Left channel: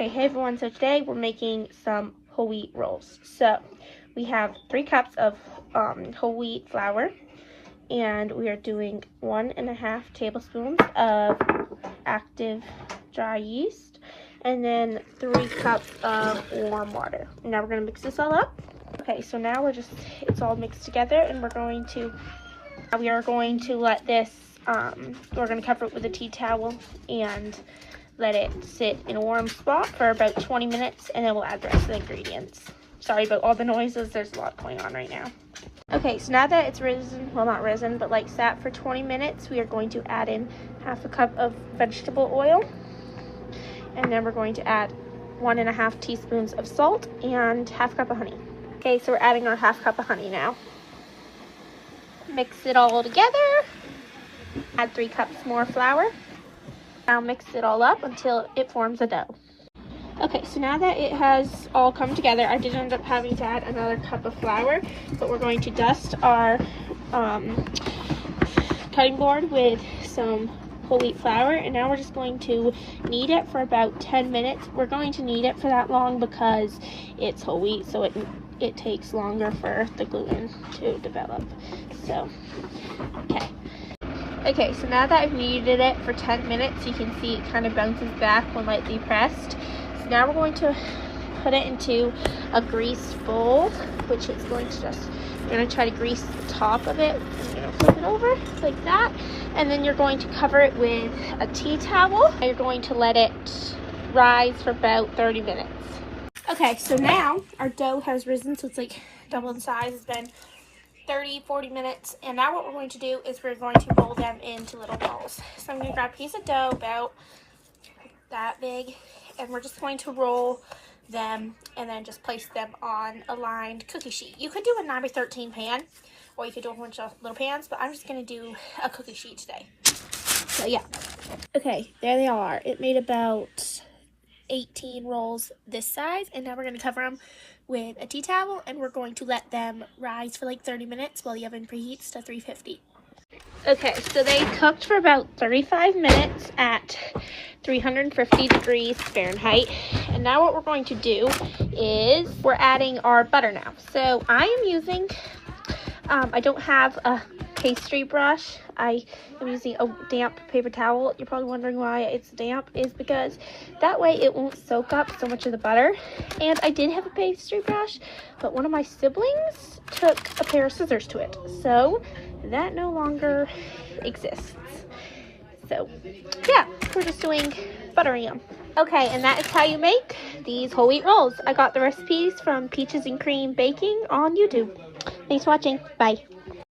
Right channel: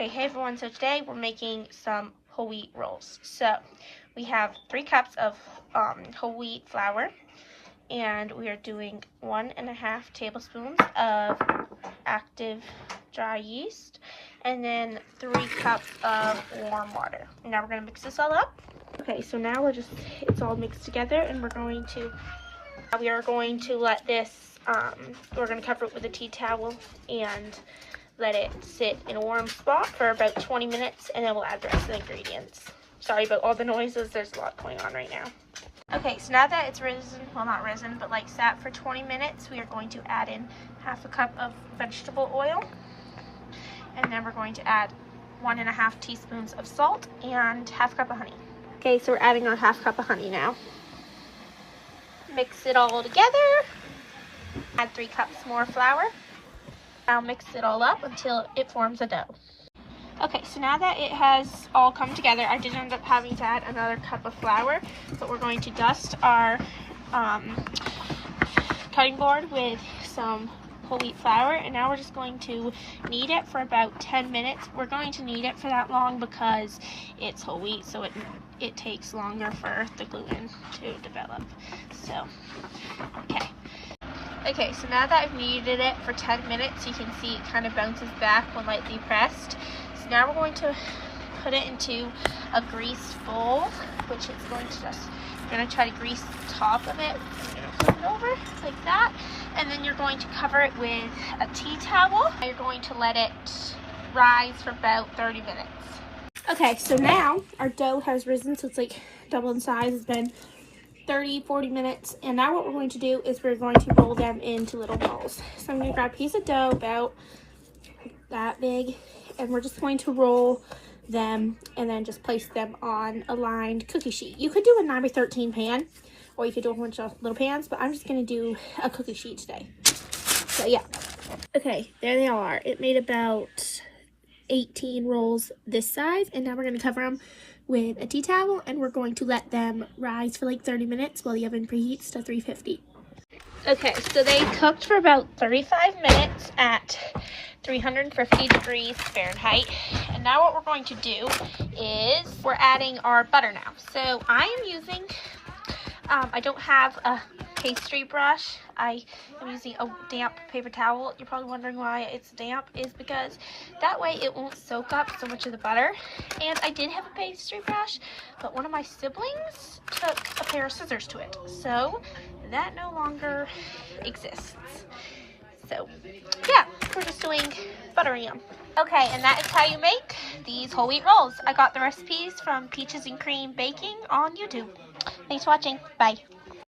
Okay, hey everyone, so today we're making some whole wheat rolls. So we have 3 cups of whole wheat flour, and we are doing 1.5 tablespoons of active dry yeast, and then 3 cups of warm water. Now we're gonna mix this all up. Okay, so now it's all mixed together, and we are going to let this, we're gonna cover it with a tea towel and let it sit in a warm spot for about 20 minutes, and then we'll add the rest of the ingredients. Sorry about all the noises, there's a lot going on right now. Okay, so now that it's risen, well not risen, but like sat for 20 minutes, we are going to add in 1/2 cup of vegetable oil, and then we're going to add 1.5 teaspoons of salt and 1/2 cup of honey. Okay, so we're adding our 1/2 cup of honey now. Mix it all together. Add 3 cups more flour. Now mix it all up until it forms a dough. Okay, so now that it has all come together, I did end up having to add another cup of flour, but we're going to dust our cutting board with some whole wheat flour, and now we're just going to knead it for about 10 minutes. We're going to knead it for that long because it's whole wheat, so it takes longer for the gluten to develop. So, okay, so now that I've kneaded it for 10 minutes, you can see it kind of bounces back when lightly pressed. So now we're going to put it into a greased bowl, which is going to you're going to try to grease the top of it. You're going to flip it over like that, and then you're going to cover it with a tea towel, and you're going to let it rise for about 30 minutes. Okay, so now our dough has risen, so it's like double in size. It's been 30-40 minutes, and now what we're going to do is we're going to roll them into little balls. So I'm going to grab a piece of dough about that big, and we're just going to roll them and then just place them on a lined cookie sheet. You could do a 9x13 pan, or you could do a bunch of little pans, but I'm just going to do a cookie sheet today. So yeah. Okay, there they are. It made about 18 rolls this size, and now we're going to cover them with a tea towel, and we're going to let them rise for like 30 minutes while the oven preheats to 350. Okay, so they cooked for about 35 minutes at 350 degrees Fahrenheit, and now what we're going to do is we're adding our butter now. So I am using, I don't have a pastry brush. I am using a damp paper towel. You're probably wondering why it's damp. Is because that way it won't soak up so much of the butter. And I did have a pastry brush, but one of my siblings took a pair of scissors to it, so that no longer exists. So yeah, we're just doing buttering them. Okay, and that is how you make these whole wheat rolls. I got the recipes from Peaches and Cream Baking on YouTube. Thanks for watching. Bye.